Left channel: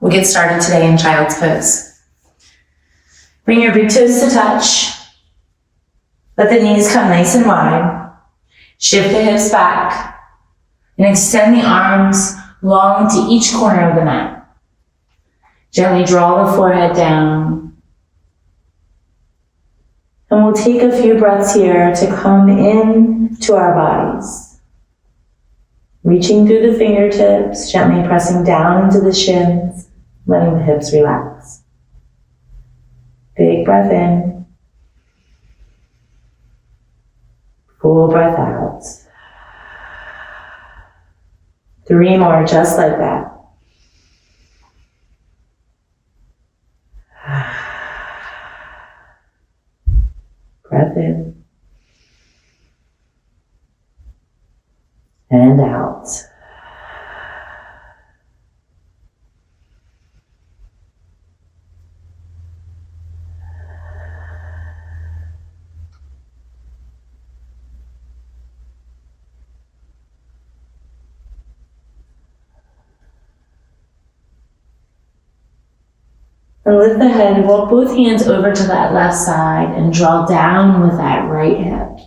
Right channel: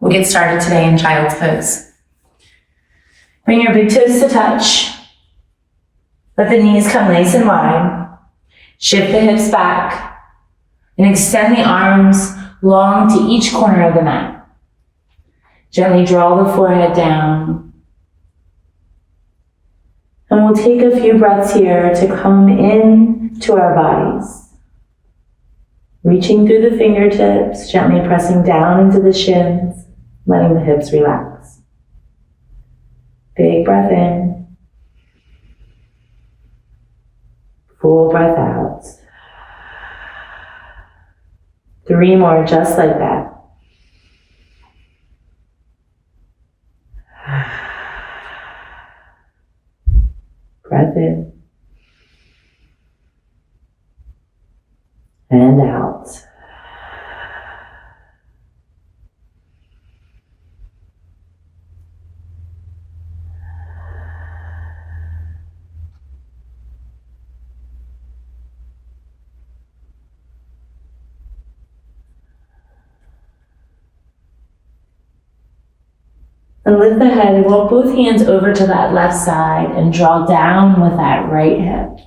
We'll get started today in child's pose. Bring your big toes to touch. Let the knees come nice and wide. Shift the hips back and extend the arms long to each corner of the mat. Gently draw the forehead down. And we'll take a few breaths here to come in to our bodies. Reaching through the fingertips, gently pressing down into the shins, letting the hips relax. Big breath in. Full breath out. 3 more just like that. Breath in. And out. And lift the head, walk both hands over to that left side and draw down with that right hip.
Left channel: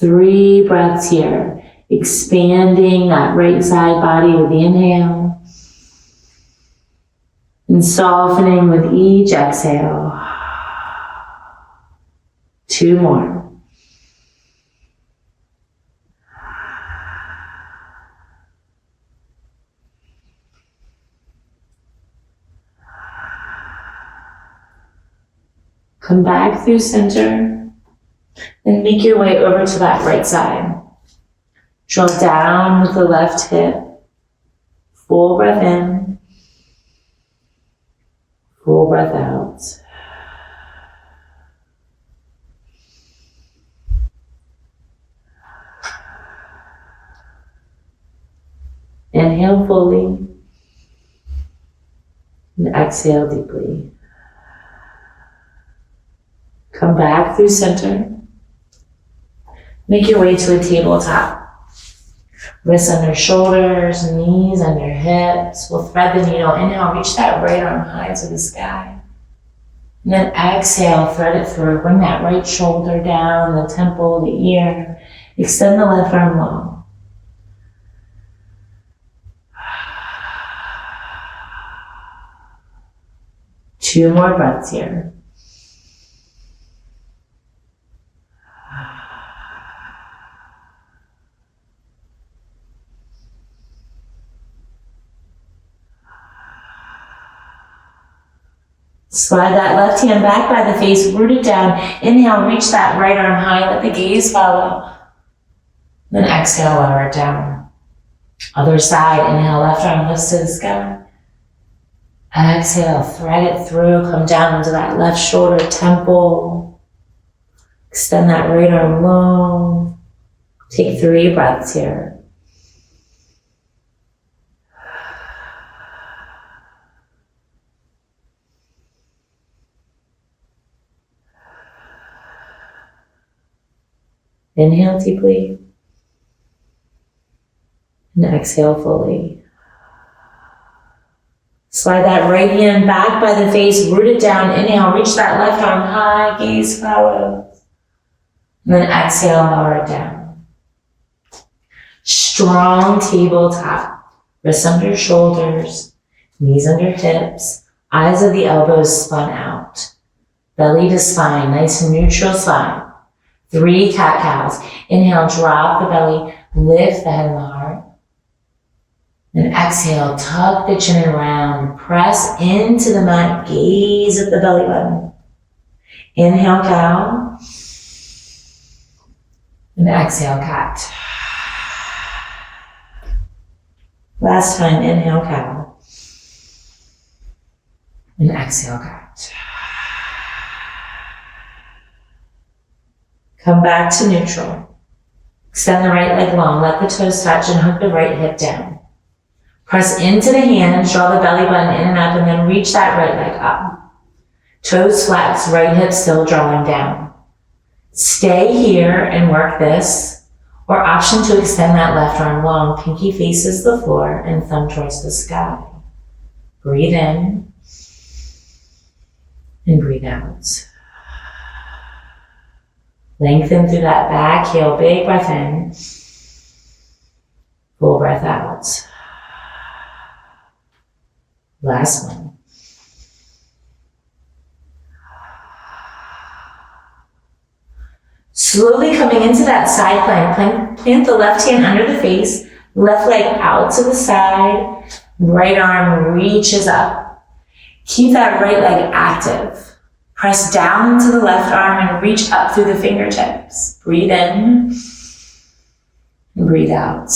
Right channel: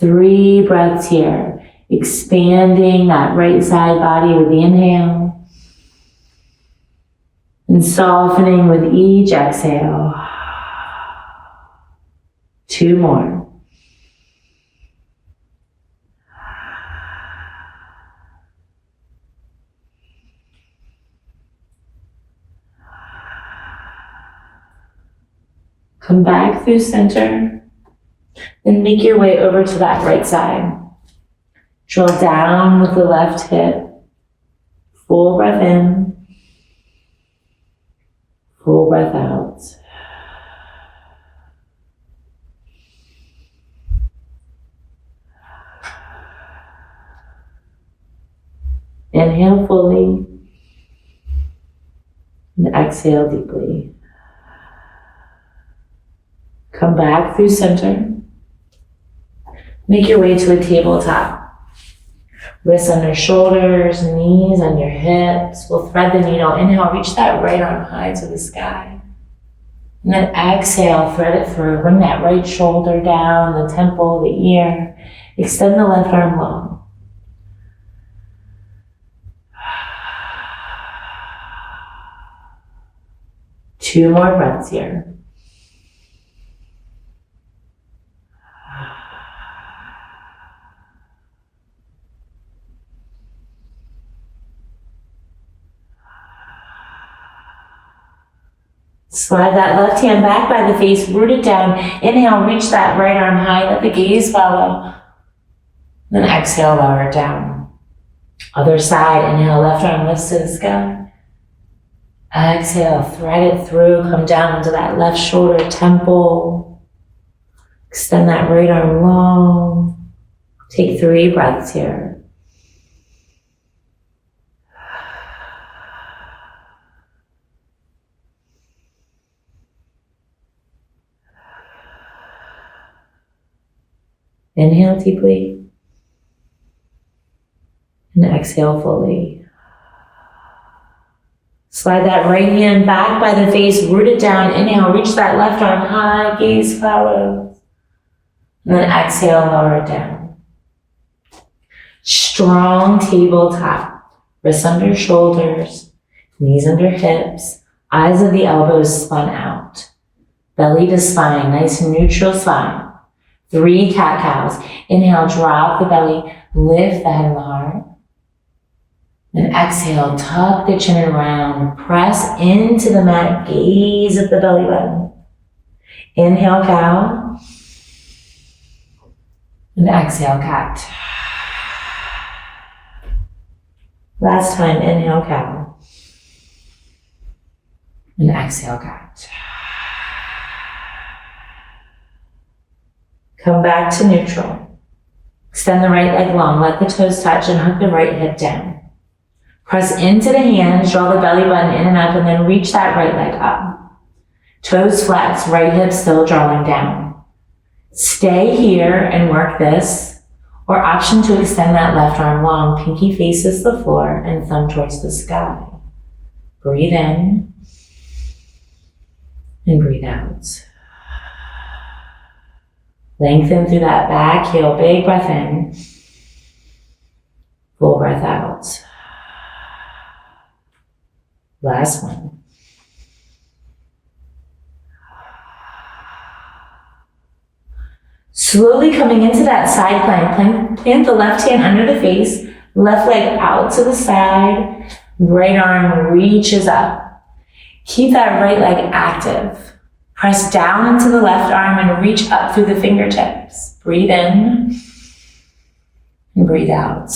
3 breaths here, expanding that right side body with the inhale and softening with each exhale. 2 more. Come back through center and make your way over to that right side. Draw down with the left hip. Full breath in. Full breath out. Inhale fully and exhale deeply. Come back through center. Make your way to a tabletop. Wrists under shoulders, knees under hips. We'll thread the needle. Inhale, reach that right arm high to the sky. And then exhale, thread it through. Bring that right shoulder down, the temple, the ear. Extend the left arm long. Two more breaths here. Slide that left hand back by the face, root it down. Inhale, reach that right arm high, let the gaze follow. Then exhale, lower it down. Other side, inhale, left arm lifts to the sky. Exhale, thread it through, come down into that left shoulder temple. Extend that right arm long. Take 3 breaths here. Inhale deeply and exhale fully. Slide that right hand back by the face, root it down. Inhale, reach that left arm high, gaze follows. And then exhale, lower it down. Strong tabletop, wrists under shoulders, knees under hips, eyes of the elbows spun out. Belly to spine, nice neutral spine. 3 cat-cows. Inhale, drop the belly, lift the head and the heart. And exhale, tuck the chin and round. Press into the mat, gaze at the belly button. Inhale, cow. And exhale, cat. Last time, inhale, cow. And exhale, cat. Come back to neutral. Extend the right leg long, let the toes touch and hook the right hip down. Press into the hands, draw the belly button in and up, and then reach that right leg up. Toes flat, right hip still drawing down. Stay here and work this, or option to extend that left arm long, pinky faces the floor and thumb towards the sky. Breathe in and breathe out. Lengthen through that back heel, big breath in, full breath out. Last one. Slowly coming into that side plank, plant the left hand under the face, left leg out to the side, right arm reaches up. Keep that right leg active. Press down into the left arm and reach up through the fingertips. Breathe in and breathe out.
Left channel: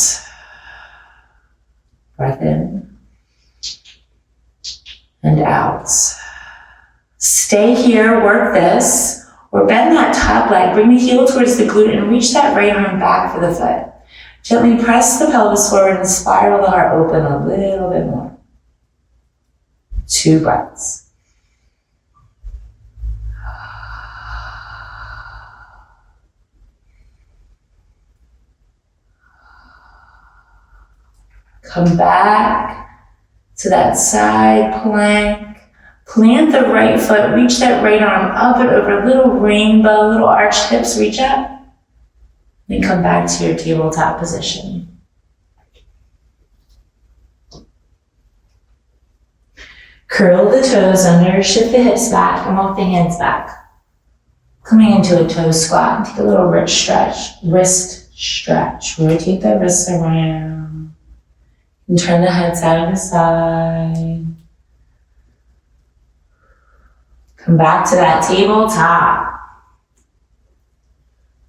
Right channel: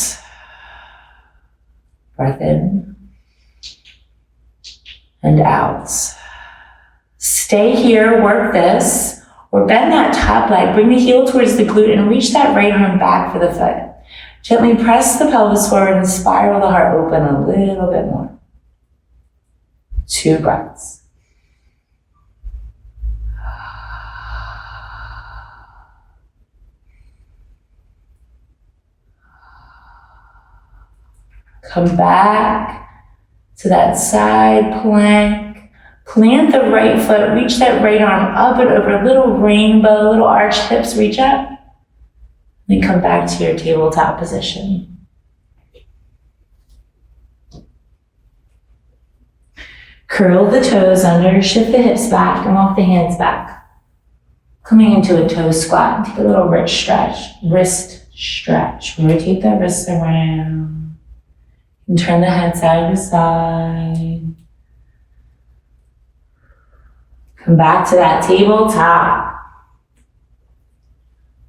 Breath in and out. Stay here, work this. Or bend that top leg, bring the heel towards the glute and reach that right arm back for the foot. Gently press the pelvis forward and spiral the heart open a little bit more. 2 breaths. Come back to that side plank. Plant the right foot, reach that right arm up and over, little rainbow, little arched hips, reach up. Then come back to your tabletop position. Curl the toes under, shift the hips back, and walk the hands back. Coming into a toe squat, take a little wrist stretch. Rotate the wrists around. And turn the head side to side. Come back to that tabletop.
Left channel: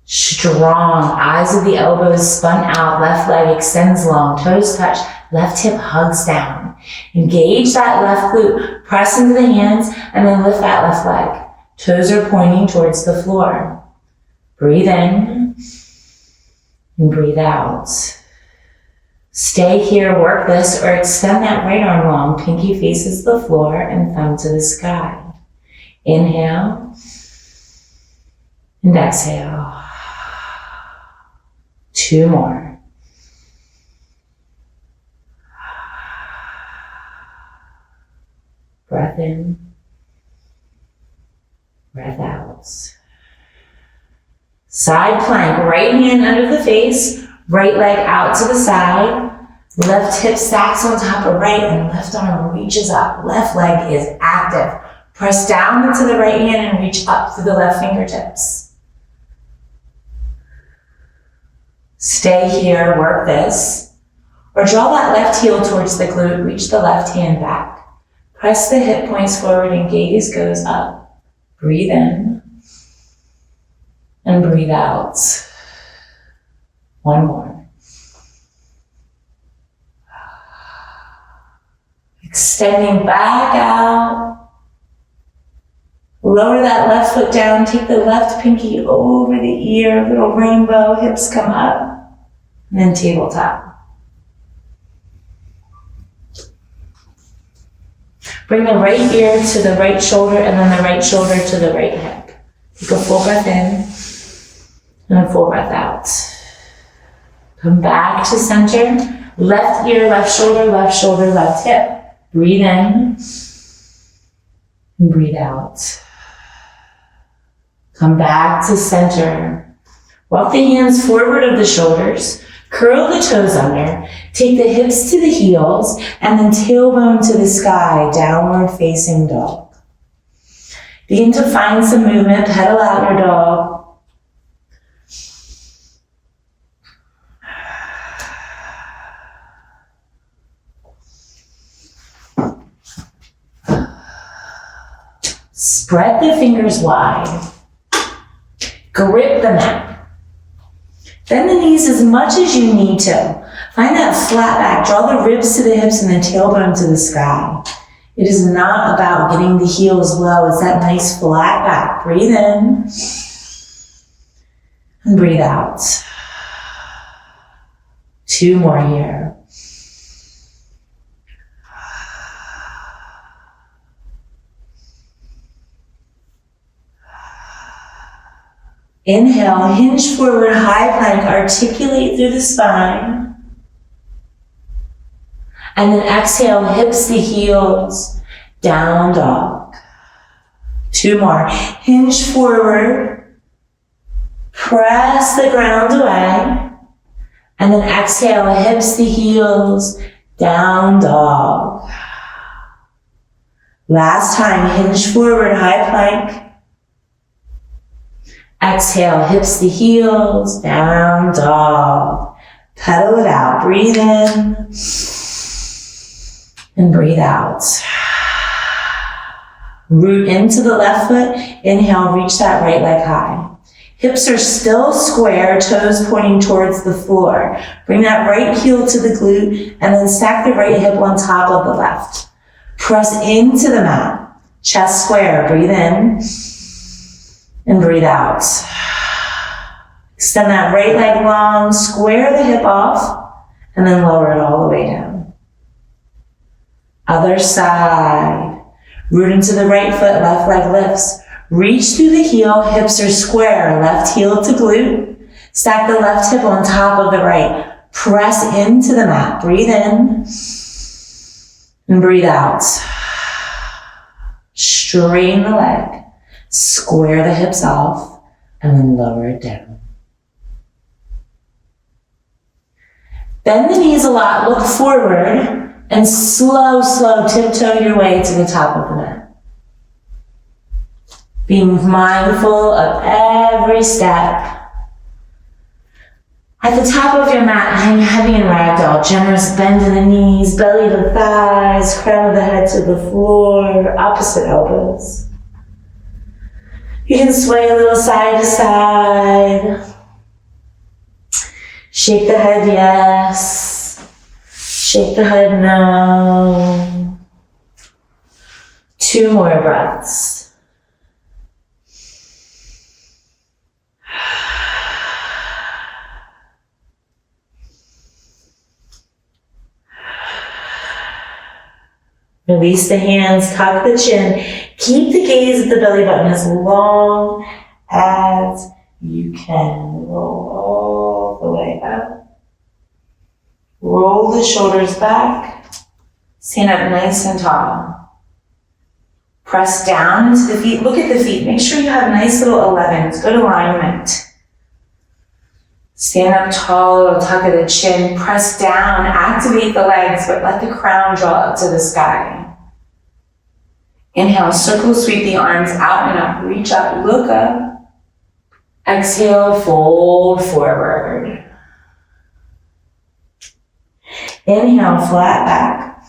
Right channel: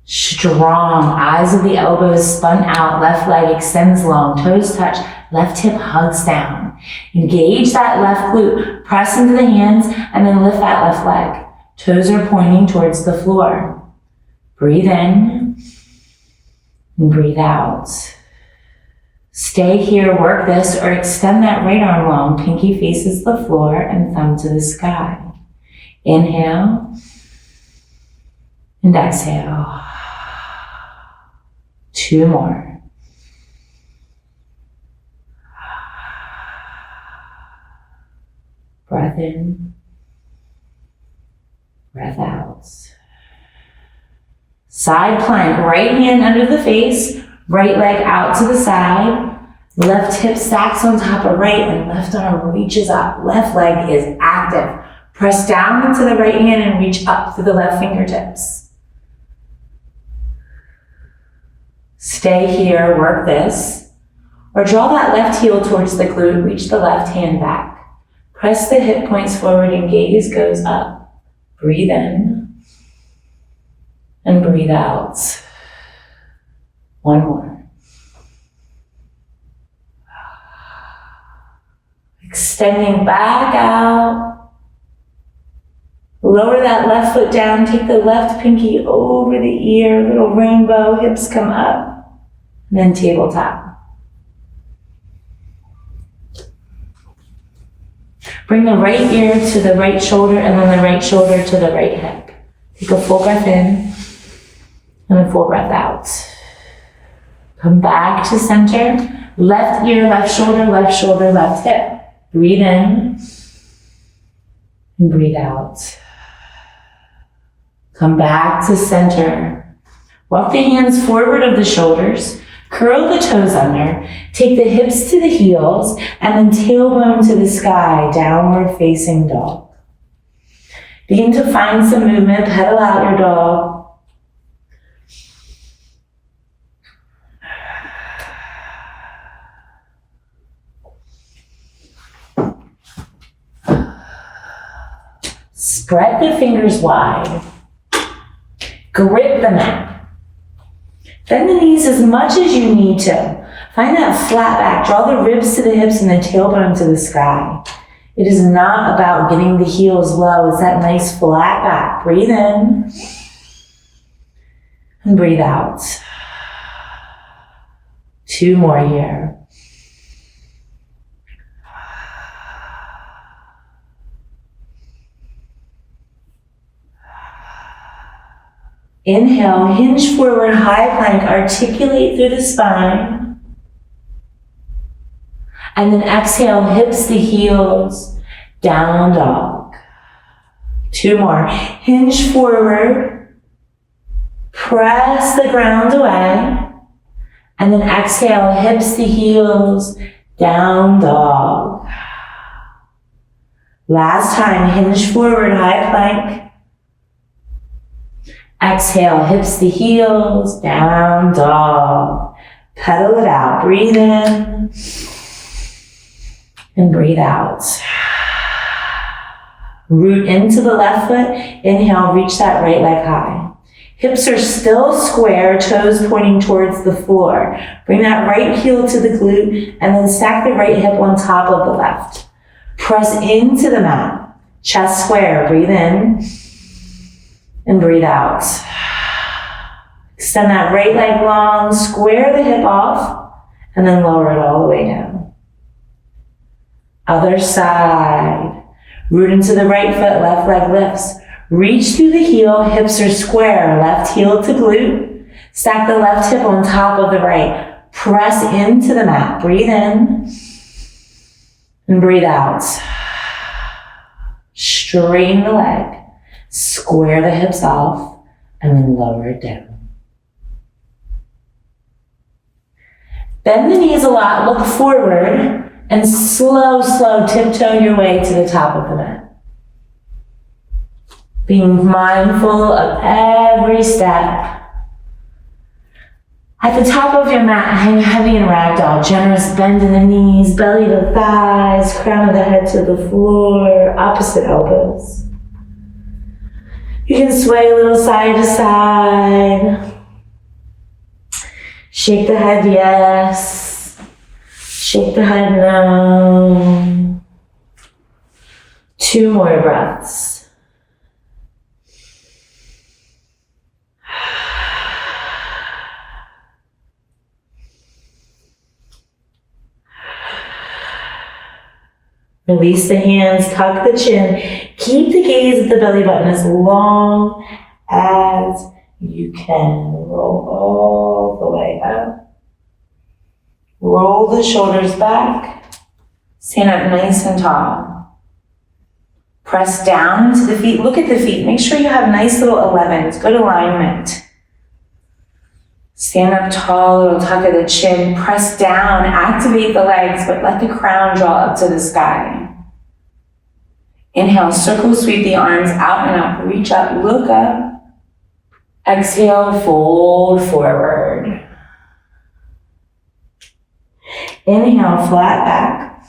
Strong, eyes of the elbows spun out, left leg extends long, toes touch, left hip hugs down. Engage that left glute, press into the hands, and then lift that left leg. Toes are pointing towards the floor. Breathe in and breathe out. Stay here, work this, or extend that right arm long, pinky faces the floor and thumb to the sky. Inhale and exhale. 2 more. Breath in, breath out. Side plank, right hand under the face, right leg out to the side, left hip stacks on top of right, and left arm reaches up. Left leg is active. Press down into the right hand and reach up through the left fingertips. Stay here, work this. Or draw that left heel towards the glute, reach the left hand back. Press the hip points forward and gaze goes up. Breathe in and breathe out. 1 more. Extending back out. Lower that left foot down, take the left pinky over the ear, little rainbow, hips come up, and then tabletop. Bring the right ear to the right shoulder and then the right shoulder to the right hip. Take a full breath in and a full breath out. Come back to center, left ear, left shoulder, left hip. Breathe in and breathe out. Come back to center. Walk the hands forward of the shoulders. Curl the toes under. Take the hips to the heels and then tailbone to the sky, downward facing dog. Begin to find some movement. Pedal out your dog. Spread the fingers wide. Grip the mat. Bend the knees as much as you need to. Find that flat back. Draw the ribs to the hips and the tailbone to the sky. It is not about getting the heels low. It's that nice flat back. Breathe in and breathe out. 2 more here. Inhale, hinge forward, high plank, articulate through the spine. And then exhale, hips to heels, down dog. 2 more. Hinge forward. Press the ground away. And then exhale, hips to heels, down dog. Last time, hinge forward, high plank. Exhale, hips to heels, down dog. Pedal it out. Breathe in and breathe out. Root into the left foot. Inhale, reach that right leg high. Hips are still square, toes pointing towards the floor. Bring that right heel to the glute and then stack the right hip on top of the left. Press into the mat. Chest square. Breathe in and breathe out. Extend that right leg long, square the hip off, and then lower it all the way down. Other side. Root into the right foot, left leg lifts. Reach through the heel, hips are square, left heel to glute. Stack the left hip on top of the right. Press into the mat. Breathe in and breathe out. Straighten the leg. Square the hips off and then lower it down. Bend the knees a lot, look forward, and slow tiptoe your way to the top of the mat. Being mindful of every step. At the top of your mat, hang heavy in ragdoll, generous bend in the knees, belly to thighs, crown of the head to the floor, opposite elbows. You can sway a little side to side. Shake the head, yes. Shake the head, no. 2 more breaths. Release the hands, tuck the chin. Keep the gaze at the belly button as long as you can. Roll all the way up. Roll the shoulders back. Stand up nice and tall. Press down into the feet. Look at the feet. Make sure you have nice little 11s. Good alignment. Stand up tall, little tuck of the chin. Press down. Activate the legs, but let the crown draw up to the sky. Inhale, circle sweep the arms out and up. Reach up, look up. Exhale, fold forward. Inhale, flat back.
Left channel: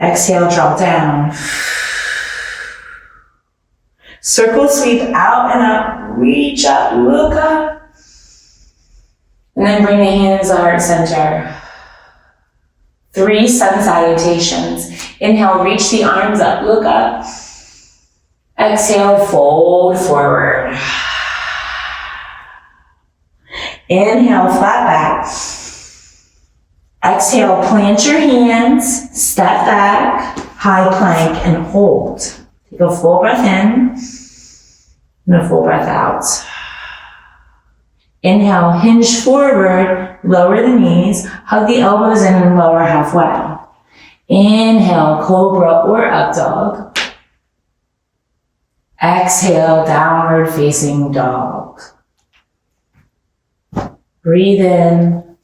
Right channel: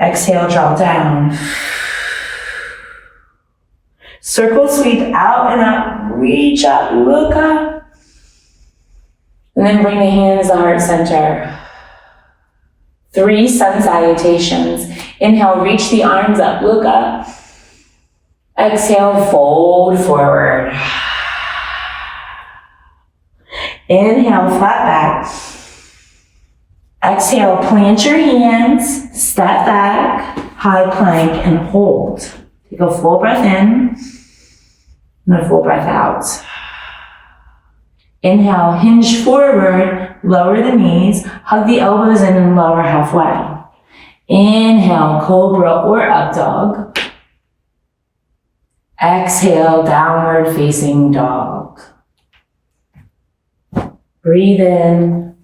Exhale, drop down. Circle sweep out and up. Reach up, look up. And then bring the hands to heart center. 3 sun salutations. Inhale, reach the arms up, look up. Exhale, fold forward. Inhale, flat back. Exhale, plant your hands, step back, high plank, and hold. Take a full breath in and a full breath out. Inhale, hinge forward, lower the knees, hug the elbows in and lower halfway. Inhale, cobra or up dog. Exhale, downward facing dog. Breathe in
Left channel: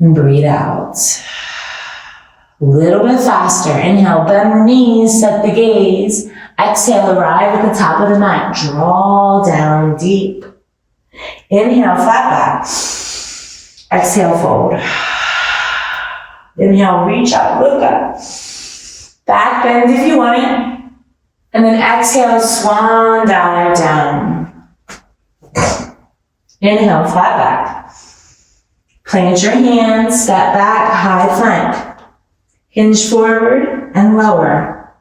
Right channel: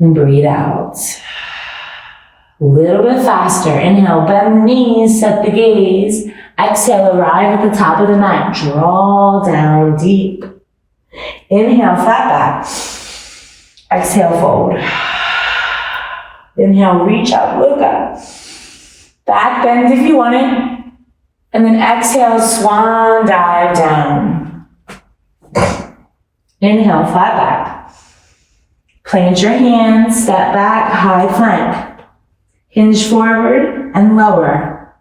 and breathe out. A little bit faster. Inhale, bend the knees, set the gaze. Exhale, arrive at the top of the mat. Draw down deep. Inhale, flat back. Exhale, fold. Inhale, reach up, look up. Back bend if you want it. And then exhale, swan dive down. Inhale, flat back. Plant your hands, step back, high plank. Hinge forward and lower.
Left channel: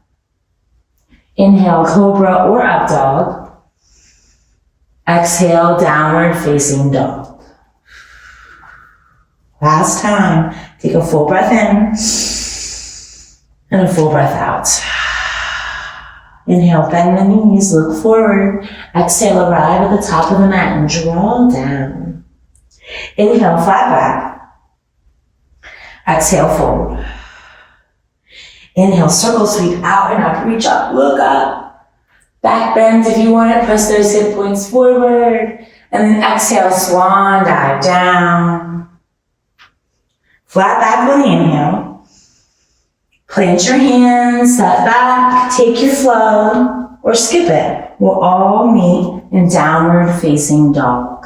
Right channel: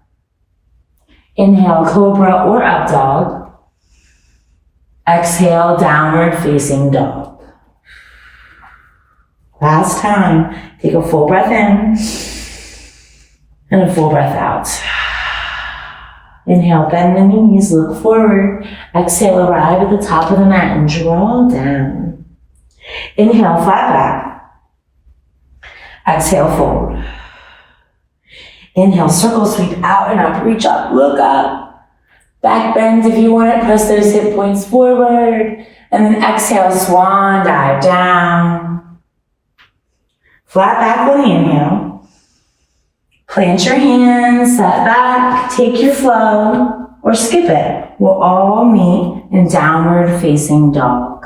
Inhale, cobra or up dog. Exhale, downward facing dog. Last time, take a full breath in and a full breath out. Inhale, bend the knees, look forward. Exhale, arrive at the top of the mat and draw down. Inhale, flat back. Exhale, fold. Inhale, circle, sweep out and up, reach up, look up. Back bend if you want it, press those hip points forward. And then exhale, swan dive down. Flat back on the inhale. Plant your hands, set back, take your flow, or skip it. We'll all meet in downward facing dog.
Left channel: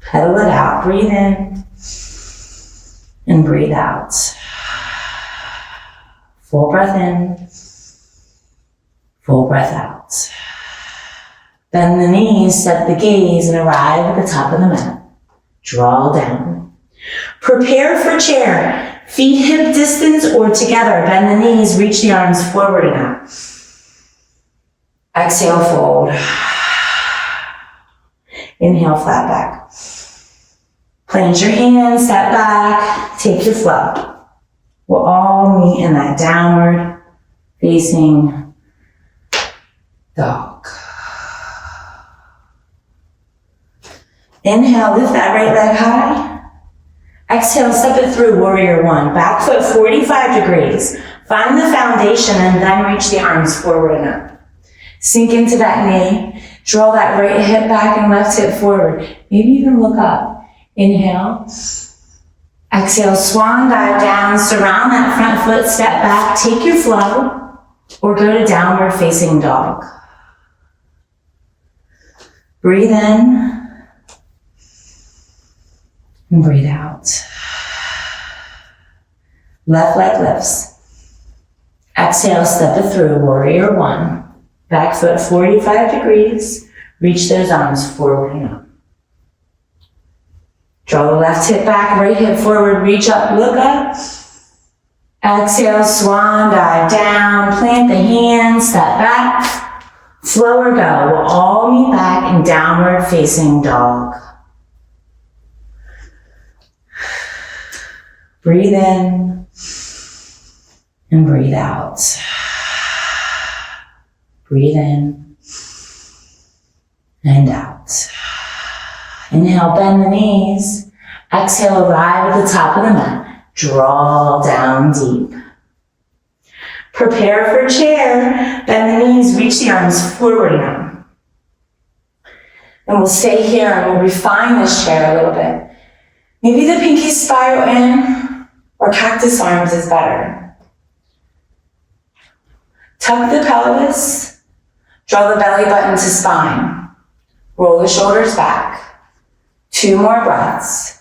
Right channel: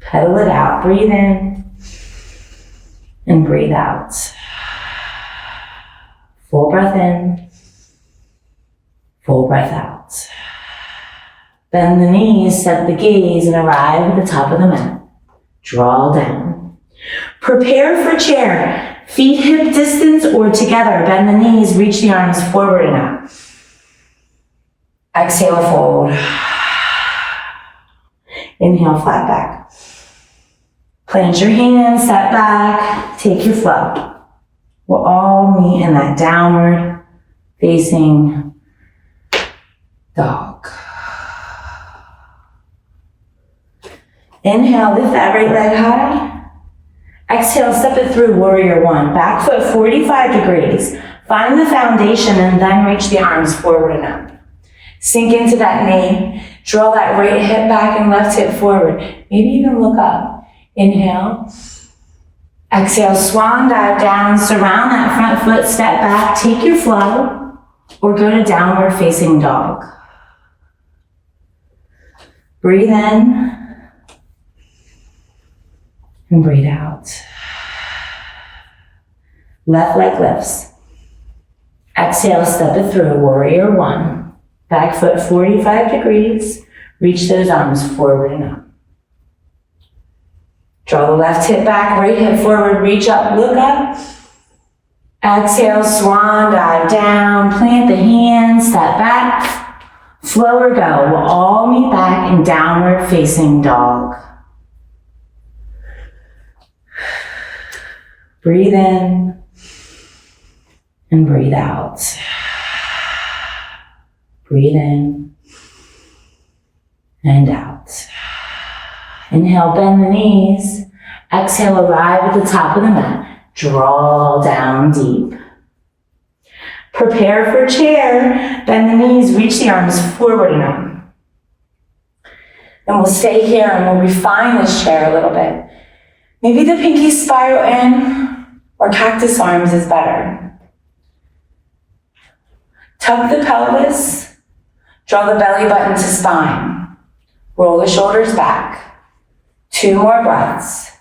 Pedal it out, breathe in and breathe out. Full breath in, full breath out. Bend the knees, set the gaze, and arrive at the top of the mat. Draw down. Prepare for chair. Feet hip distance or together. Bend the knees, reach the arms forward and out. Exhale, fold. Inhale, flat back. Plant your hands, set back, take your flow. We'll all meet in that downward facing dog. Inhale, lift that right leg high. Exhale, step it through, warrior one. Back foot 45 degrees. Find the foundation and then reach the arms forward and up. Sink into that knee. Draw that right hip back and left hip forward. Maybe even look up. Inhale. Exhale, swan dive down. Surround that front foot, step back, take your flow, or go to downward facing dog. Breathe in. And breathe out. Left leg lifts. Exhale, step it through, warrior one. Back foot 45 degrees. Reach those arms forward and up. Draw the left hip back, right hip forward, reach up, look up. Exhale, swan dive down, plant the hands, step back. Flow or go, we'll all meet back in downward facing dog. Breathe in and breathe out. Breathe in and out. Inhale, bend the knees. Exhale, arrive at the top of the mat. Draw down deep. Prepare for chair. Bend the knees, reach the arms forward and up. And we'll stay here and we'll refine this chair a little bit. Maybe the pinkies spiral in, or cactus arms is better. Tuck the pelvis, draw the belly button to spine. Roll the shoulders back. 2 more breaths.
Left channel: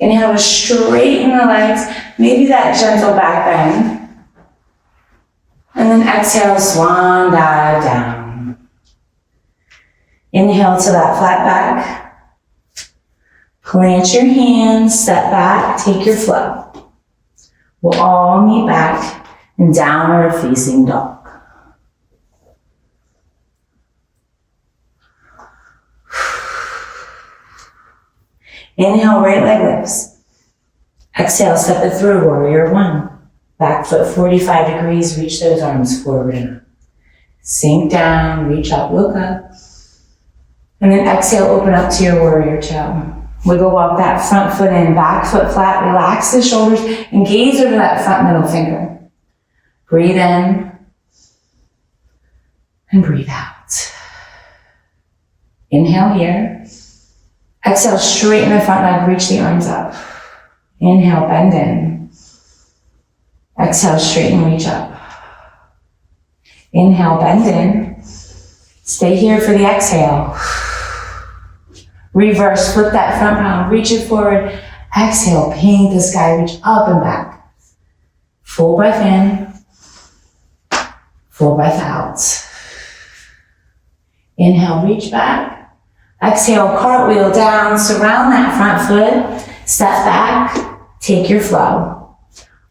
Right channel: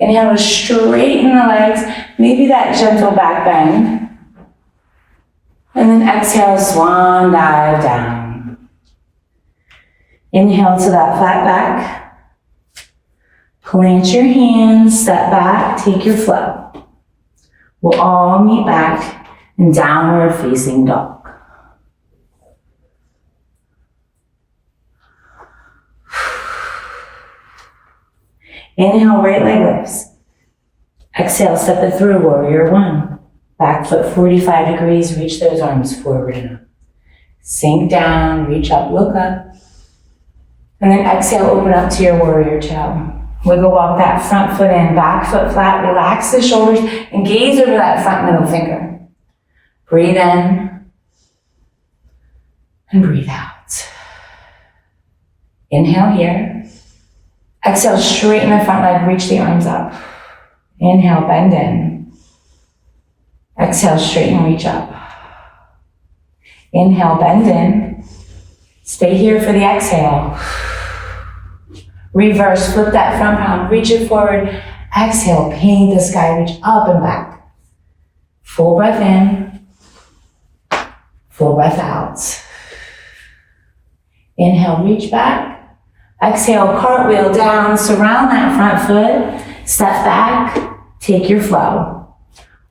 Inhale to straighten the legs, maybe that gentle back bend. And then exhale, swan dive down. Inhale to that flat back. Plant your hands, step back, take your flow. We'll all meet back in downward facing dog. Inhale, right leg lifts. Exhale, step it through, warrior one. Back foot 45 degrees, reach those arms forward and up. Sink down, reach up, look up. And then exhale, open up to your warrior two. Wiggle walk that front foot in, back foot flat, relax the shoulders, and gaze over that front middle finger. Breathe in, and breathe out. Inhale here. Exhale, straighten the front leg, reach the arms up. Inhale, bend in. Exhale, straighten, reach up. Inhale, bend in. Stay here for the exhale. Reverse, flip that front palm, reach it forward. Exhale, paint the sky, reach up and back. Full breath in. Full breath out. Inhale, reach back. Exhale, cartwheel down, surround that front foot, step back, take your flow.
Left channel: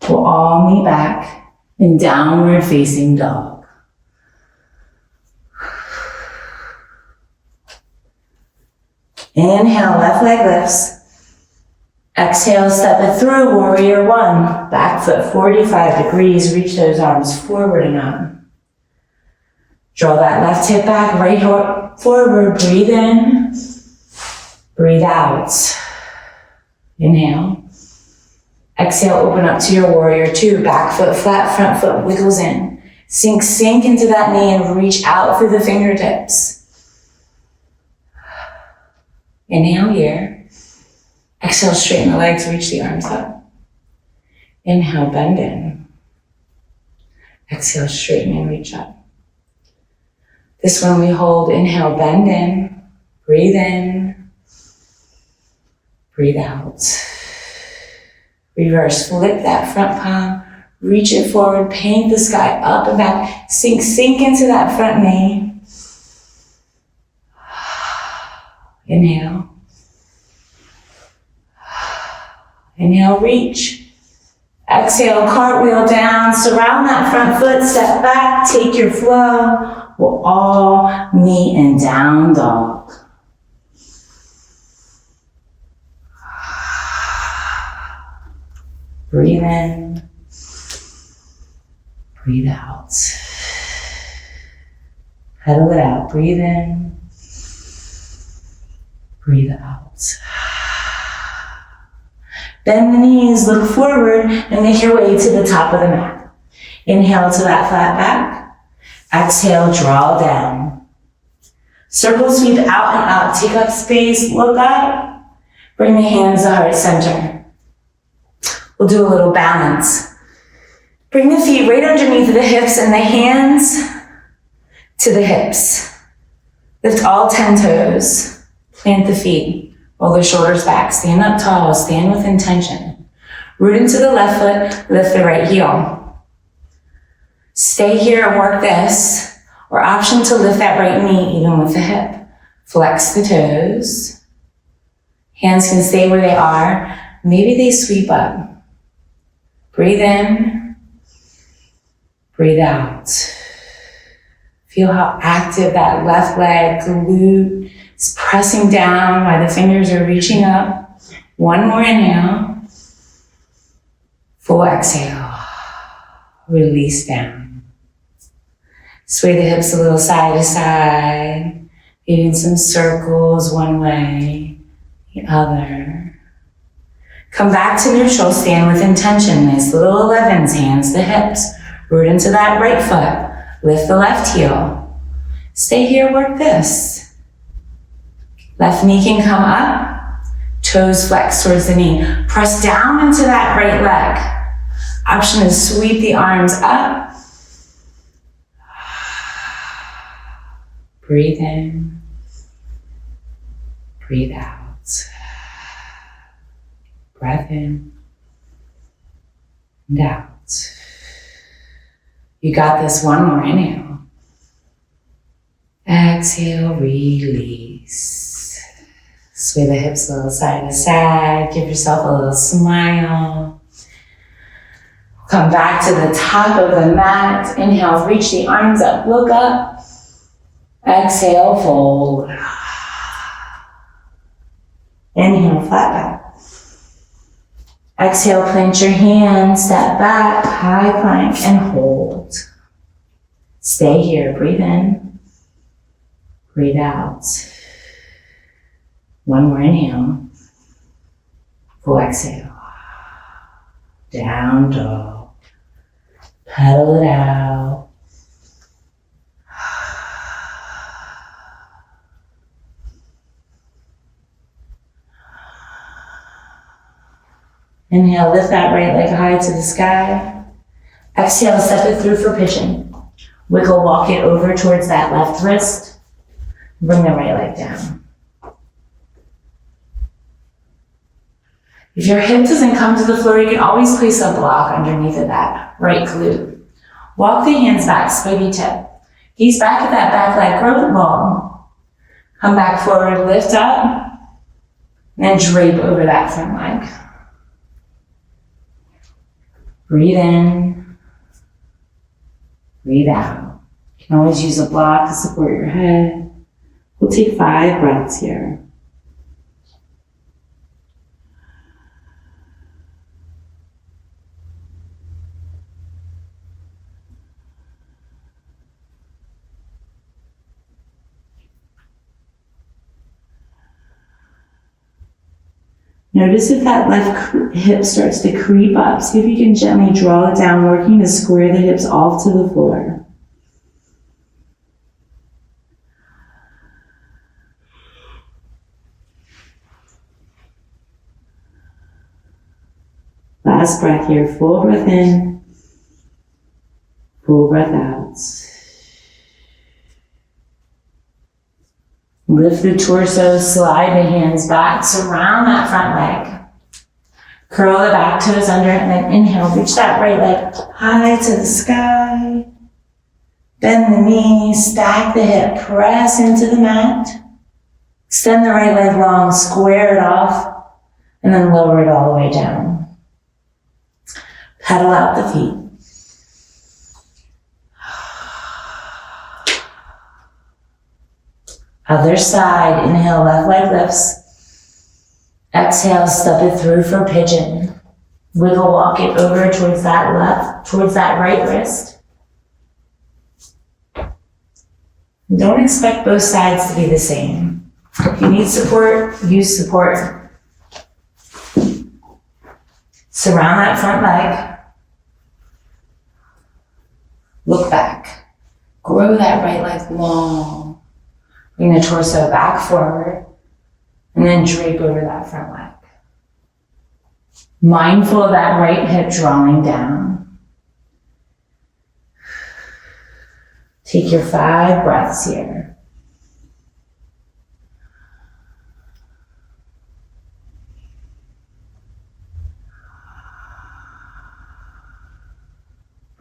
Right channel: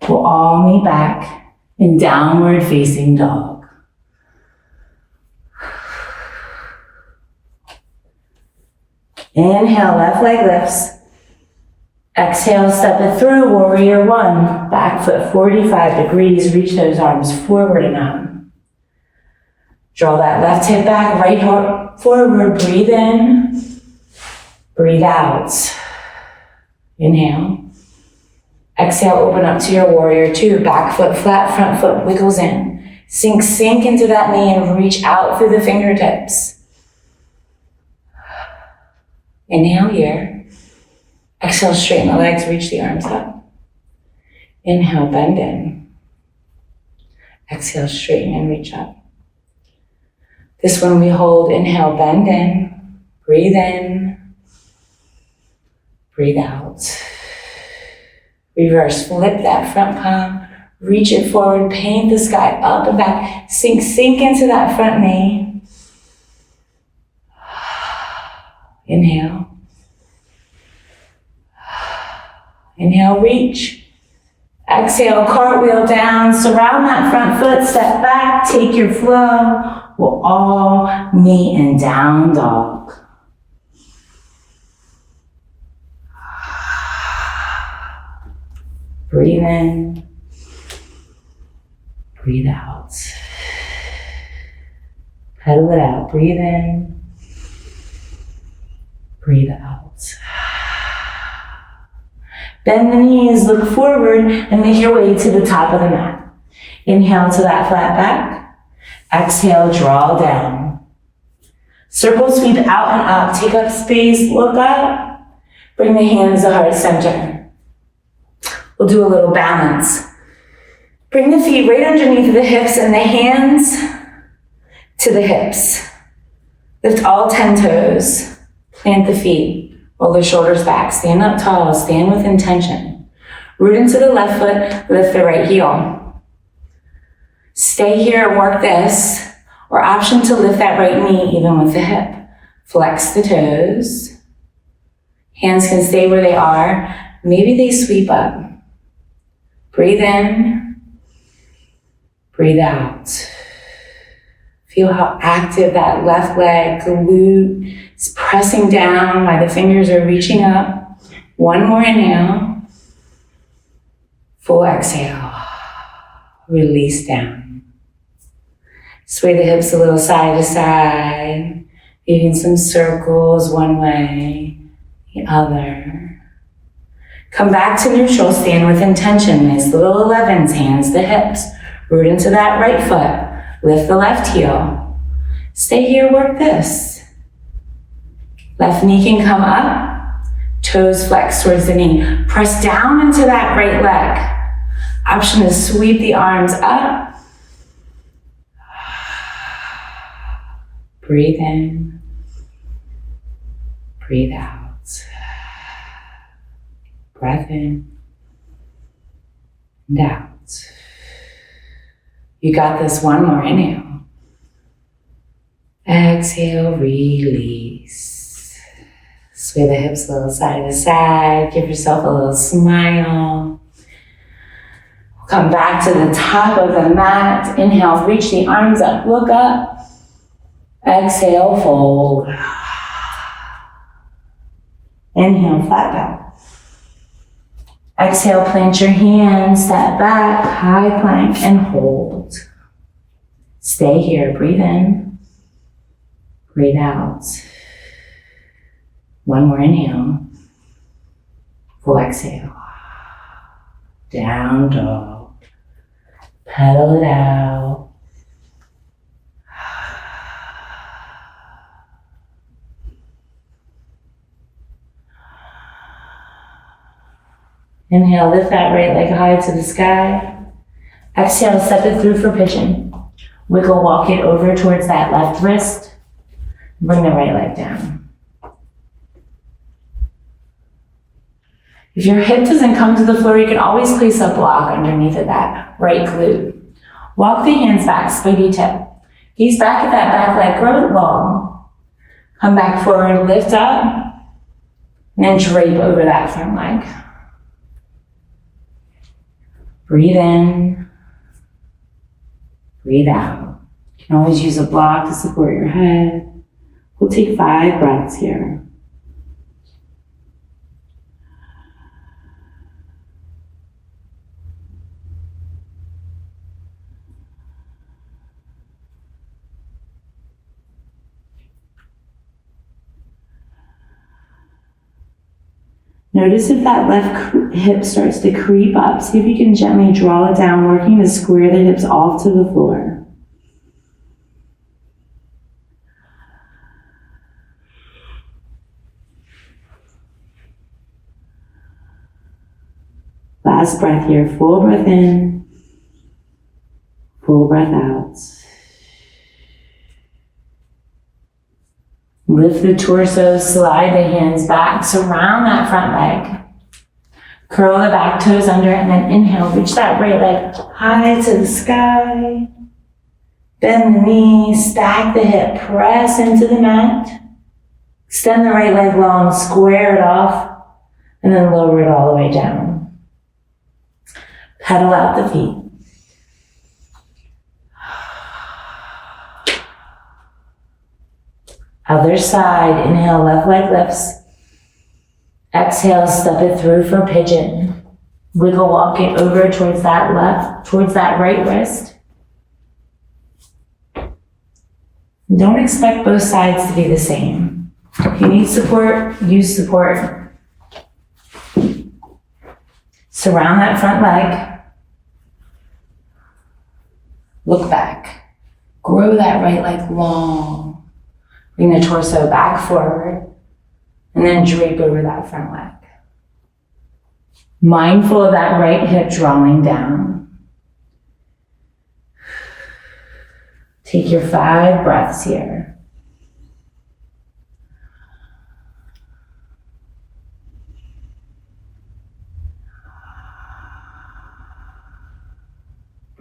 We'll all meet back in downward facing dog. Inhale, left leg lifts. Exhale, step it through, warrior one. Back foot 45 degrees, reach those arms forward and up. Draw that left hip back, right hip forward, breathe in, breathe out. Inhale. Exhale, open up to your warrior two, back foot flat, front foot wiggles in. Sink into that knee and reach out through the fingertips. Inhale here. Exhale, straighten the legs, reach the arms up. Inhale, bend in. Exhale, straighten and reach up. This one we hold, inhale, bend in, breathe in, breathe out. Reverse, flip that front palm, reach it forward, paint the sky up and back, sink into that front knee. Inhale. Inhale, reach. Exhale, cartwheel down, surround that front foot, step back, take your flow. We'll all meet in down dog. Breathe in, breathe out. Pedal it out, breathe in, breathe out. Bend the knees, look forward, and make your way to the top of the mat. Inhale to that flat back. Exhale, draw down. Circle sweep out and up. Take up space, look up. Bring the hands to heart center. We'll do a little balance. Bring the feet right underneath the hips and the hands to the hips. Lift all 10 toes. Plant the feet. Roll the shoulders back, stand up tall, stand with intention. Root into the left foot, lift the right heel. Stay here and work this, or option to lift that right knee even with the hip. Flex the toes. Hands can stay where they are. Maybe they sweep up. Breathe in, breathe out. Feel how active that left leg, glute, is pressing down while the fingers are reaching up. One more inhale. Full exhale. Release down. Sway the hips a little side to side. Making some circles one way, the other. Come back to neutral, stand with intention. Nice little 11s, hands to hips. Root into that right foot. Lift the left heel. Stay here, work this. Left knee can come up, toes flex towards the knee. Press down into that right leg. Option is sweep the arms up. Breathe in, breathe out. Breath in and out. You got this, one more inhale. Exhale, release. Sway the hips a little side to side. Give yourself a little smile. Come back to the top of the mat. Inhale, reach the arms up, look up. Exhale, fold. Inhale, flat back. Exhale, plant your hands, step back, high plank, and hold. Stay here, breathe in, breathe out. One more inhale, full exhale. Down dog, pedal it out. Inhale, lift that right leg high to the sky. Exhale, step it through for pigeon. Wiggle, walk it over towards that left wrist. Bring the right leg down. If your hip doesn't come to the floor, you can always place a block underneath of that right glute. Walk the hands back, spaghetti tip. Gaze back at that back leg, grow it long. Come back forward, lift up, and then drape over that front leg. Breathe in, breathe out. You can always use a block to support your head. We'll take 5 breaths here. Notice if that left hip starts to creep up. See if you can gently draw it down, working to square the hips off to the floor. Last breath here. Full breath in. Full breath out. Lift the torso, slide the hands back, surround that front leg. Curl the back toes under and then inhale, reach that right leg high to the sky. Bend the knees, stack the hip, press into the mat. Extend the right leg long, square it off, and then lower it all the way down. Pedal out the feet. Other side, inhale, left leg lifts. Exhale, step it through for pigeon. Wiggle walk it over towards that right wrist. Don't expect both sides to be the same. If you need support, use support. Surround that front leg. Look back. Grow that right leg long. Bring the torso back forward and then drape over that front leg. Mindful of that right hip drawing down. Take your 5 breaths here.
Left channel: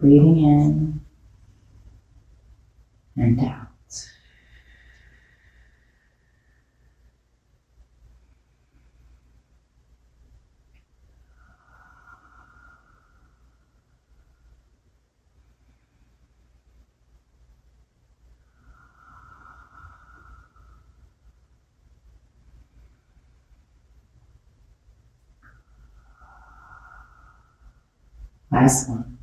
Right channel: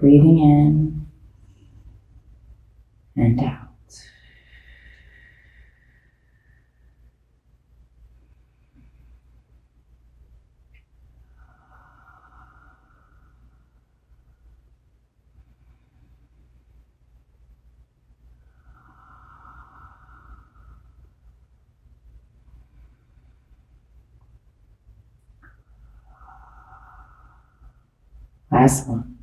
Breathing in and out. Last one.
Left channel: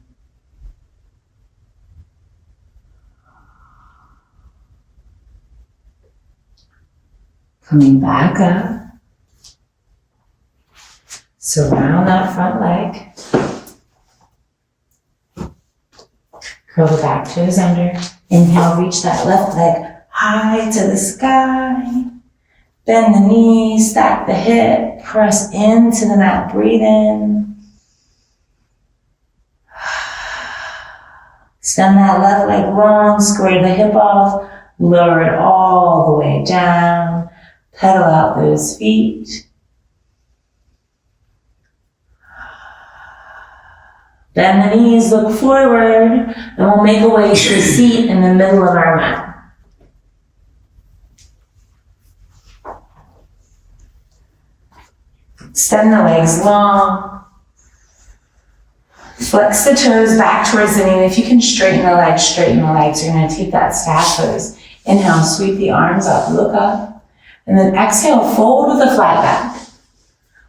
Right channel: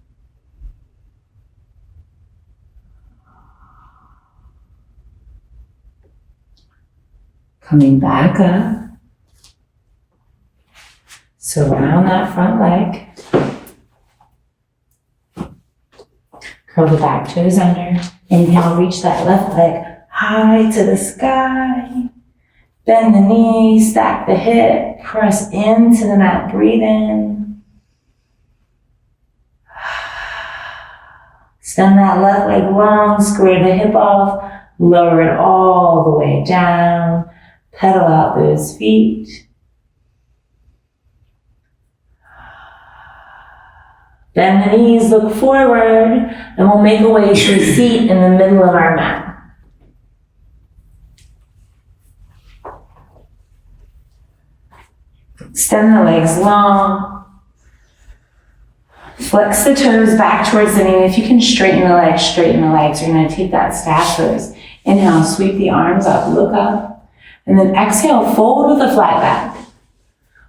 Coming back up. Surround that front leg. Curl the back toes under. Inhale, reach that left leg high to the sky. Bend the knees, stack the hip, press into the mat, breathe in. Extend that left leg long, square the hip off, lower it all the way down, pedal out those feet. Bend the knees, look forward, and we'll make a way to a seat in the middle of our mat. Extend the legs long. Flex the toes back towards the knee. If you can straighten the legs, straighten the legs. You're going to take that staff pose. Inhale, sweep the arms up, look up. And then exhale, fold with a flat back.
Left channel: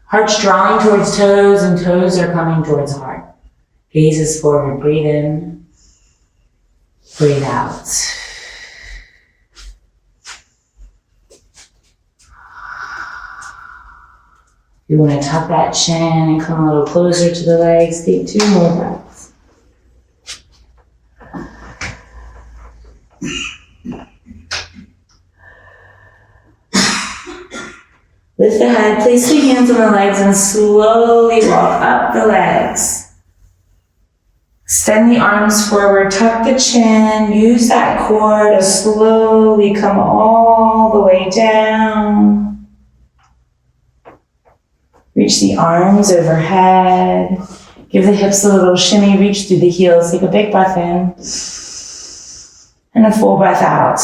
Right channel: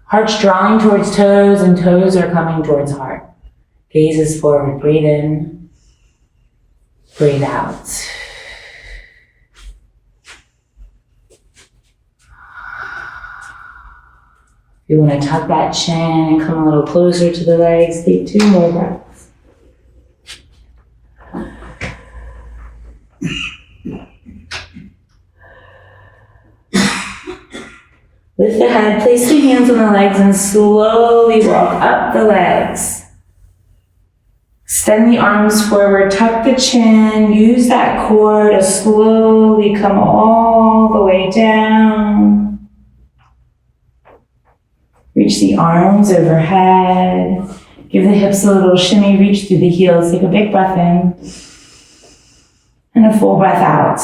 Heart's drawing towards toes and toes are coming towards heart. Gaze is forward. Breathe in. Breathe out. You want to tuck that chin and come a little closer to the legs. Take 2 more breaths. Lift the head, place the hands on the legs and slowly walk up the legs. Extend the arms forward, tuck the chin, use that core to slowly come all the way down. Reach the arms overhead. Give the hips a little shimmy, reach through the heels. Take a big breath in and a full breath out.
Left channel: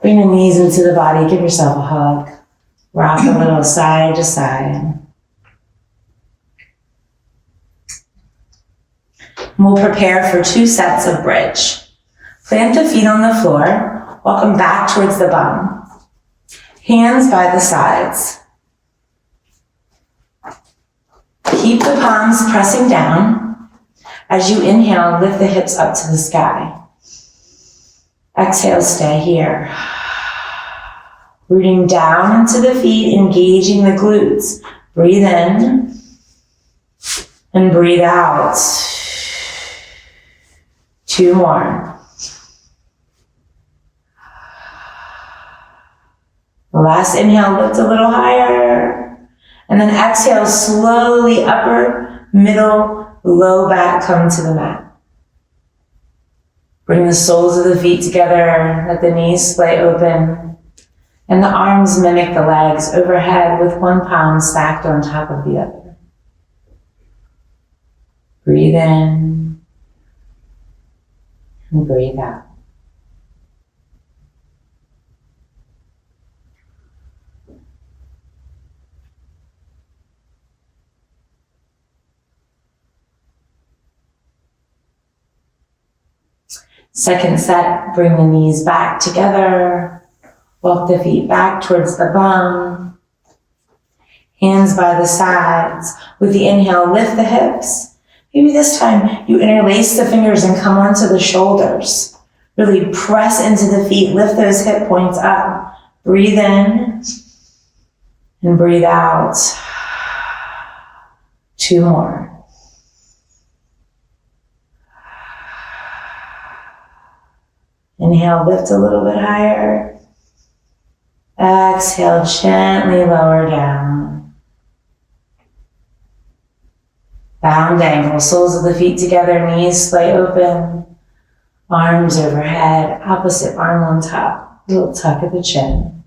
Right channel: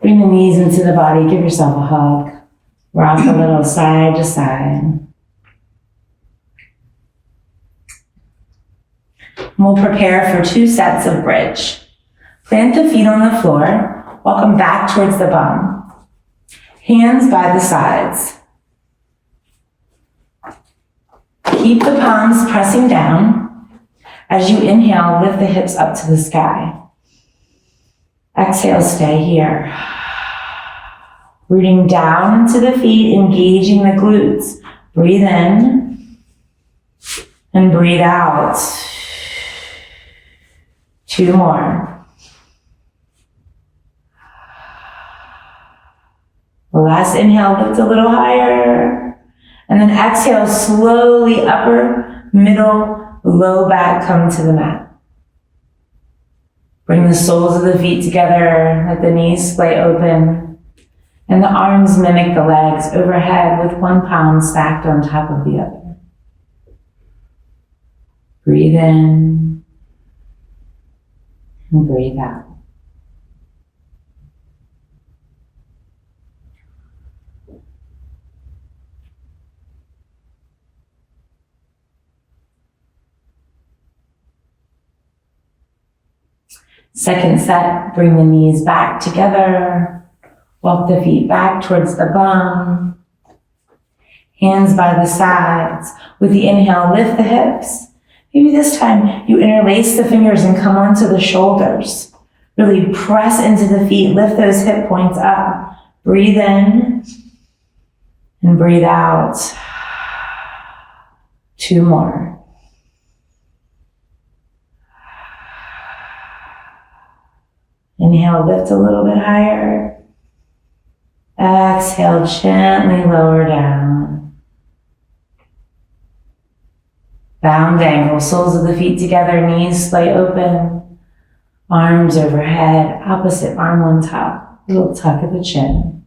Bring the knees into the body, give yourself a hug. Rock a little side to side. We'll prepare for 2 sets of bridge. Plant the feet on the floor, walk them back towards the bum. Hands by the sides. Keep the palms pressing down. As you inhale, lift the hips up to the sky. Exhale, stay here. Rooting down into the feet, engaging the glutes. Breathe in and breathe out. 2 more. The last inhale, lift a little higher. And then exhale, slowly upper, middle, low back, come to the mat. Bring the soles of the feet together, let the knees splay open, and the arms mimic the legs overhead with 1 palm stacked on top of the other. Breathe in and breathe out. Second set, bring the knees back together. Walk the feet back towards the bum. Hands by the sides. With the inhale, lift the hips. Maybe this time you interlace the fingers and come onto the shoulders. Really press into the feet. Lift those hip points up. Breathe in and breathe out. 2 more. Inhale, lift a little bit higher. Exhale, gently lower down. Bound angle, soles of the feet together, knees splay open. Arms overhead, opposite arm on top. Little tuck of the chin.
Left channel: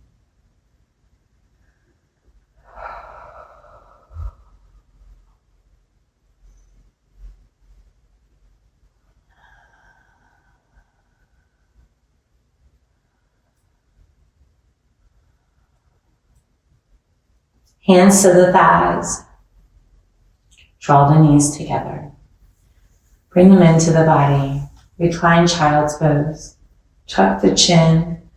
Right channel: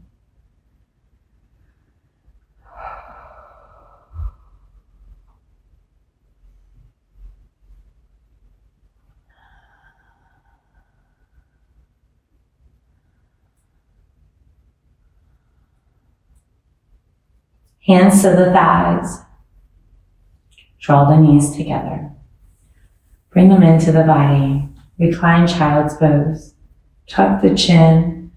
Hands to the thighs. Draw the knees together. Bring them into the body. Recline child's pose. Tuck the chin.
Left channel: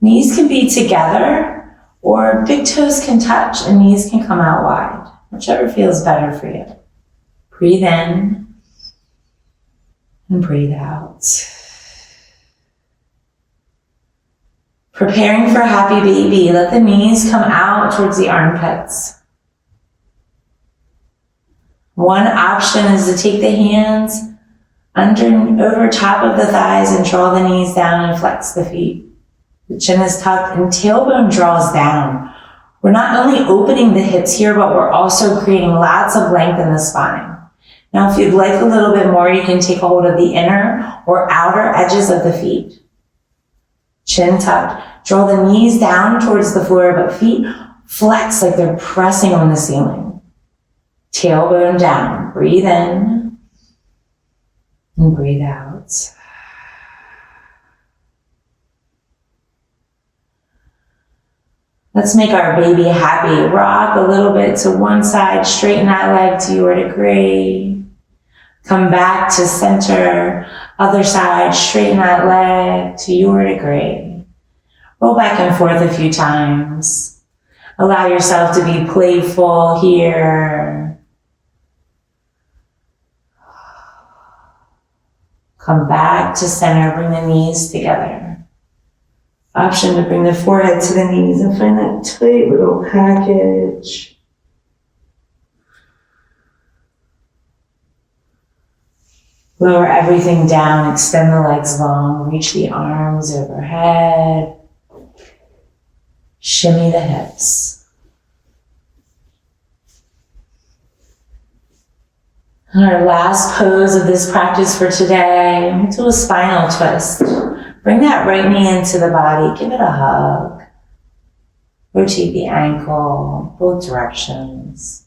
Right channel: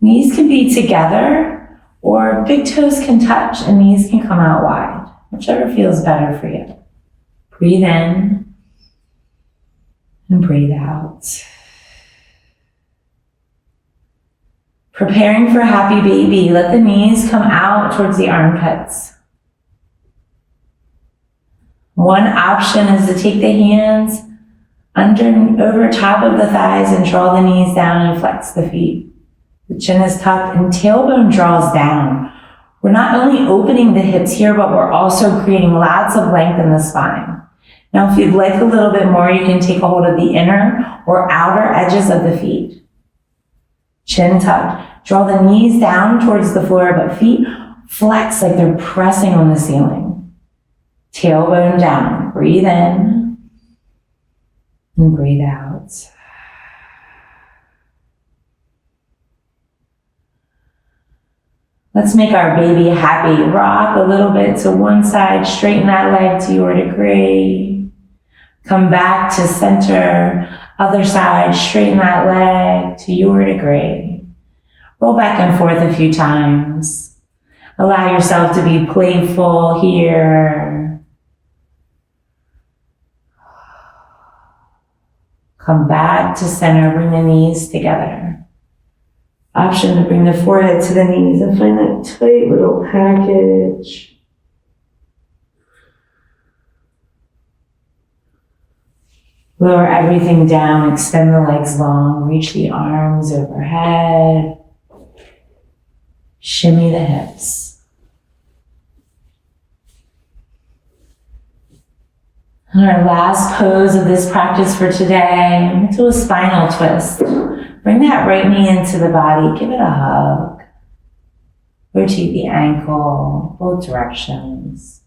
Knees can be together, or big toes can touch and knees can come out wide, whichever feels better for you. Breathe in and breathe out. Preparing for happy baby, let the knees come out towards the armpits. One option is to take the hands over top of the thighs and draw the knees down and flex the feet. The chin is tucked and tailbone draws down. We're not only opening the hips here, but we're also creating lots of length in the spine. Now, if you'd like a little bit more, you can take a hold of the inner or outer edges of the feet. Chin tucked. Draw the knees down towards the floor, but feet flex like they're pressing on the ceiling. Tailbone down. Breathe in and breathe out. Let's make our baby happy. Rock a little bit to one side. Straighten that leg to your degree. Come back to center. Other side. Straighten that leg to your degree. Roll back and forth a few times. Allow yourself to be playful here. Come back to center. Bring the knees together. Option to bring the forehead to the knees and find that tight little package. Lower everything down. Extend the legs long. Reach the arms overhead. Shimmy the hips. And our last pose of this practice for today, do a spinal twist. Bring that right knee into the body. Give it a hug. Rotate the ankle, both directions.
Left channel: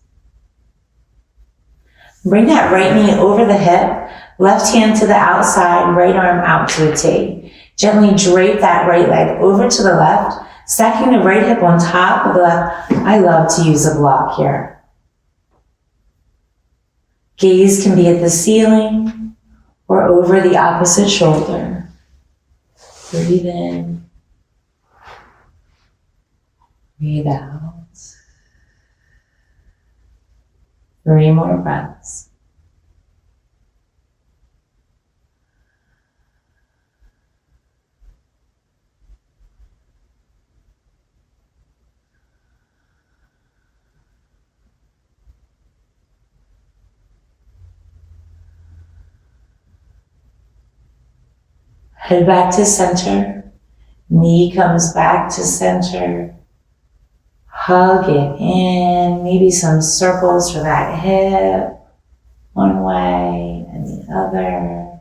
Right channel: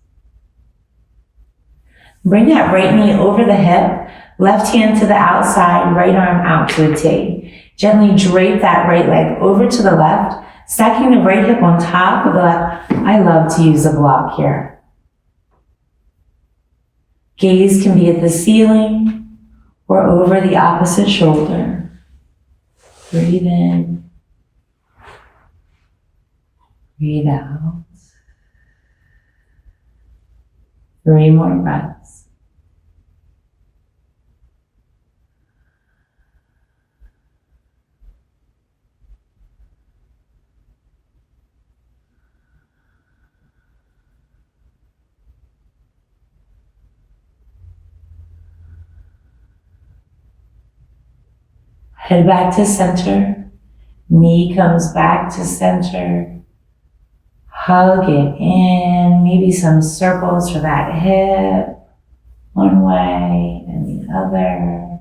Bring that right knee over the hip. Left hand to the outside, right arm out to a T. Gently drape that right leg over to the left. Stacking the right hip on top of the left. I love to use a block here. Gaze can be at the ceiling or over the opposite shoulder. Breathe in. Breathe out. 3 more breaths. Head back to center. Knee comes back to center. Hug it in. Maybe some circles for that hip. One way and the other.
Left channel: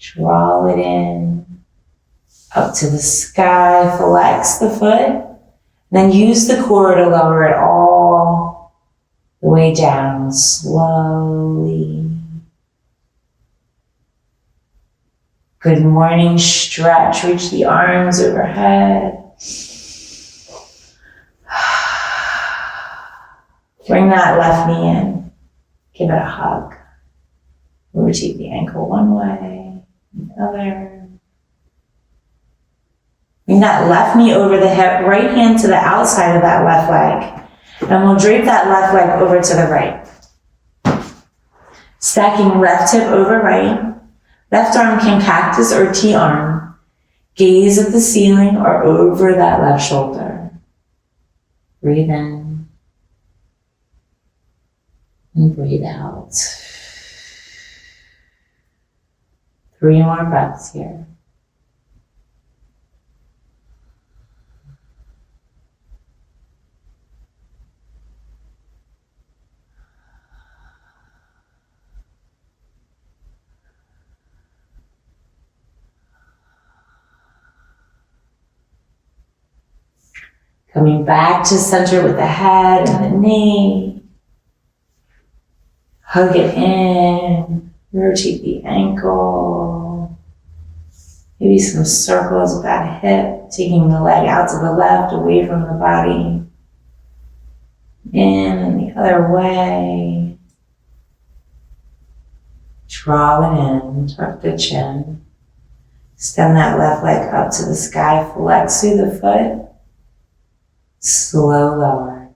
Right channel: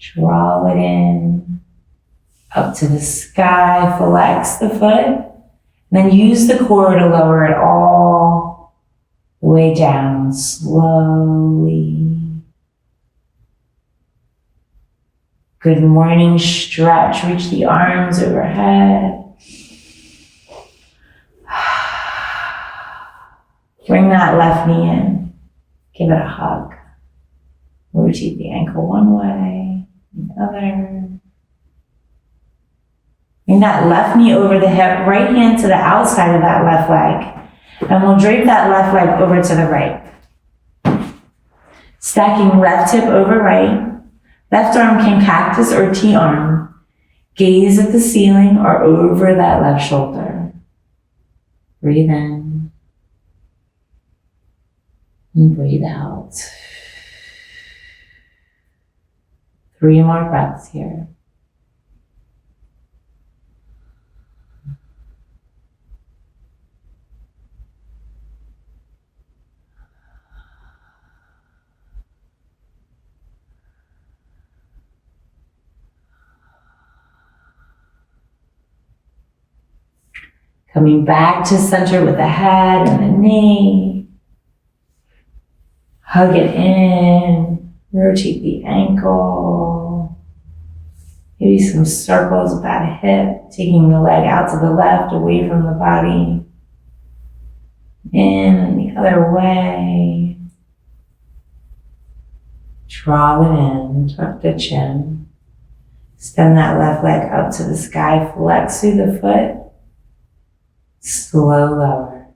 Draw it in. Up to the sky. Flex the foot. Then use the core to lower it all the way down slowly. Good morning stretch. Reach the arms overhead. Bring that left knee in. Give it a hug. Rotate the ankle one way, the other. Bring that left knee over the hip, right hand to the outside of that left leg. And we'll drape that left leg over to the right. Stacking left hip over right. Left arm can cactus or T-arm. Gaze at the ceiling or over that left shoulder. Breathe in. And breathe out. 3 more breaths here. Coming back to center with the head and the knee. Hug it in. Rotate the ankle. Maybe some circles with that hip. Taking the leg out to the left, away from the body. In and the other way. Draw it in. Tuck the chin. Extend that left leg up to the sky. Flex through the foot. Slow lower.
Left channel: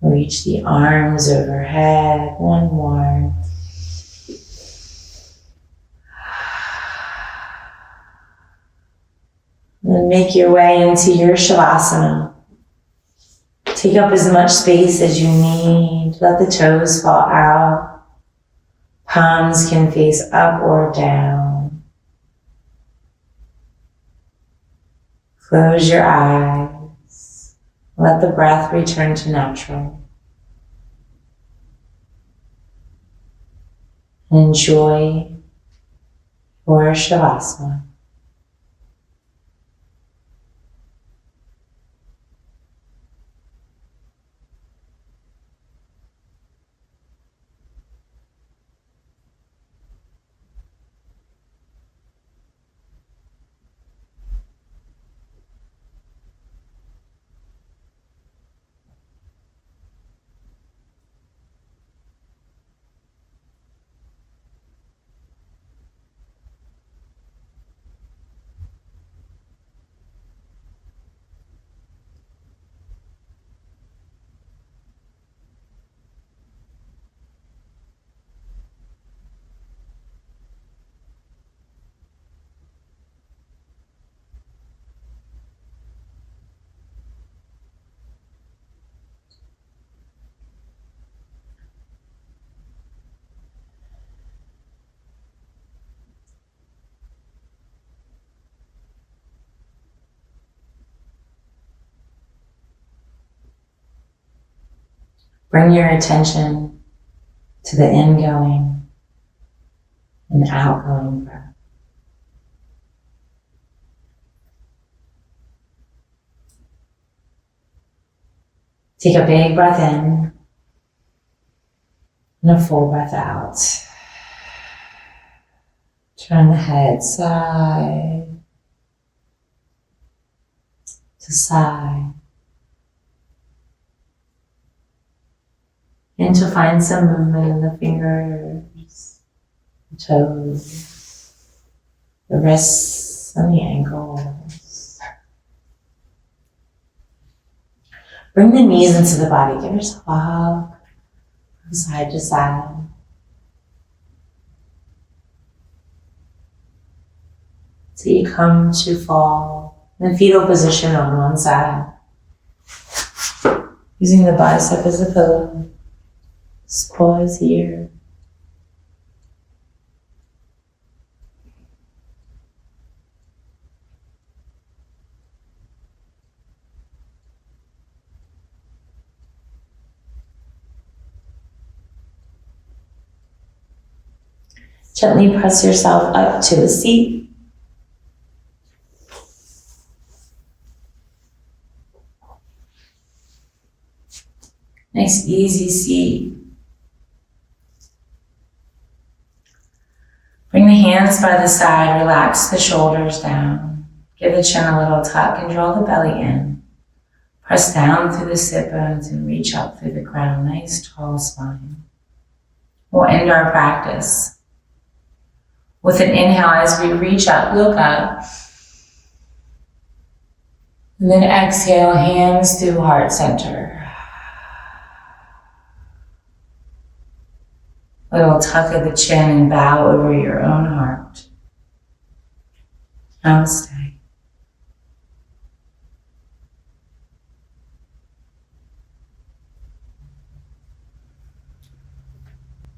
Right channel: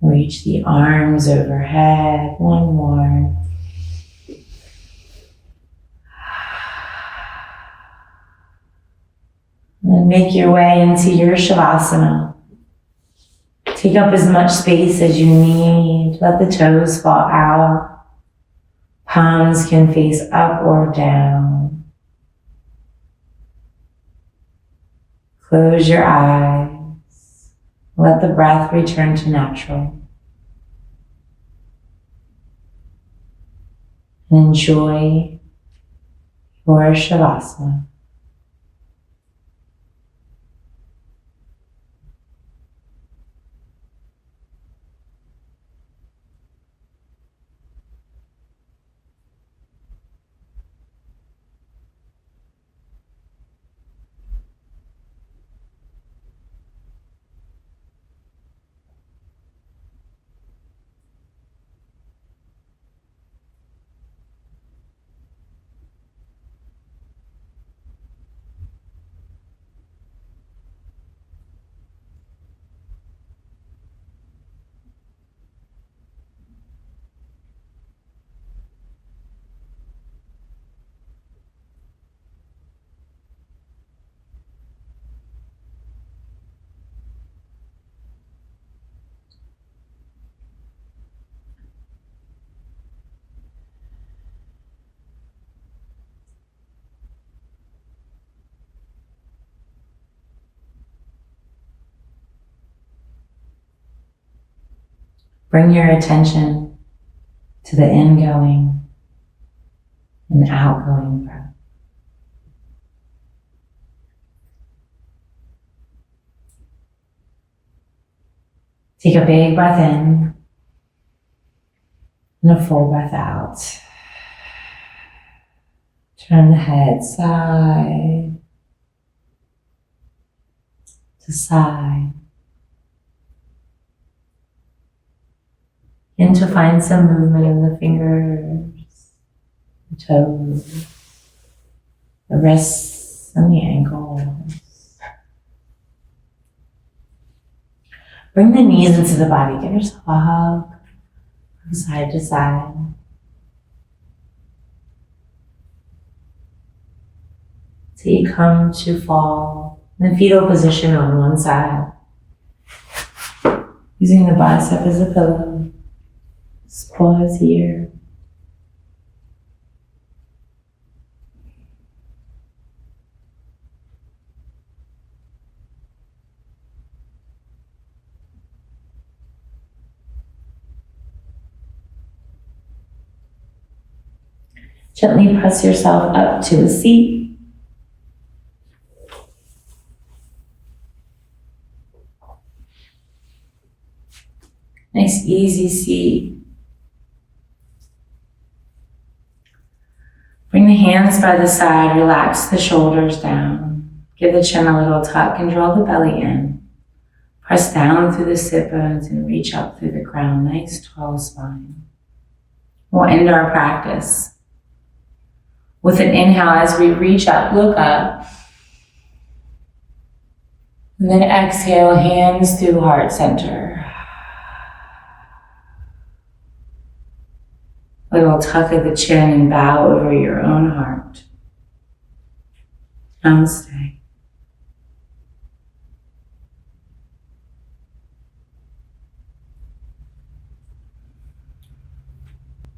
Reach the arms overhead. One more. And then make your way into your Shavasana. Take up as much space as you need. Let the toes fall out. Palms can face up or down. Close your eyes. Let the breath return to natural. And enjoy your Shavasana. Bring your attention to the ingoing and outgoing breath. Take a big breath in and a full breath out. Turn the head side to side. And to find some movement in the fingers, the toes, the wrists, and the ankles. Bring the knees into the body. Give yourself a hug from side to side. Till you come to fall in the fetal position on one side. Using the bicep as a pillow. Just pause here. Gently press yourself up to a seat. Nice, easy seat. Bring the hands by the side, relax the shoulders down. Give the chin a little tuck and draw the belly in. Press down through the sit bones and reach up through the crown. Nice, tall spine. We'll end our practice with an inhale as we reach up, look up. And then exhale, hands through heart center. Little tuck of the chin and bow over your own heart. Namaste.